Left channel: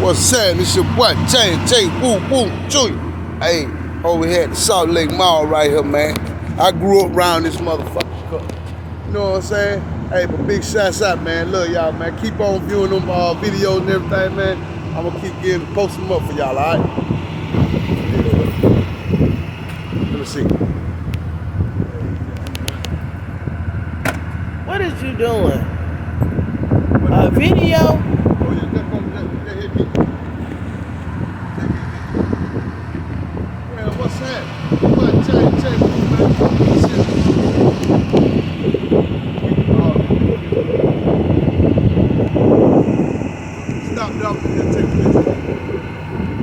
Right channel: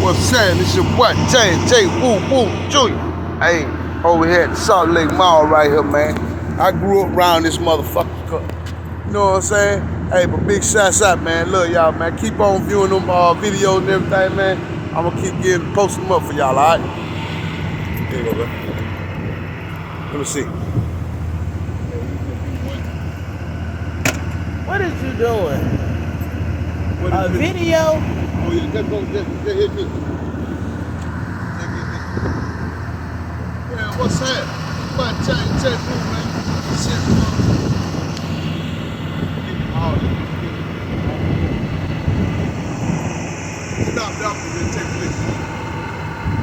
What's saying? This your boy J Woo Woo Jr. Hey, over here at the Salt Lake Mall right here, man. I grew up around this motherfucker. You know what I'm saying? Hey, but big shouts out, man. Love y'all, man. Keep on viewing them videos and everything, man. I'm gonna keep posting them up for y'all, all right? Let me see. What is you doing? A video? Oh, yeah, just hit this. Yeah, what's that? What, J Woo, man?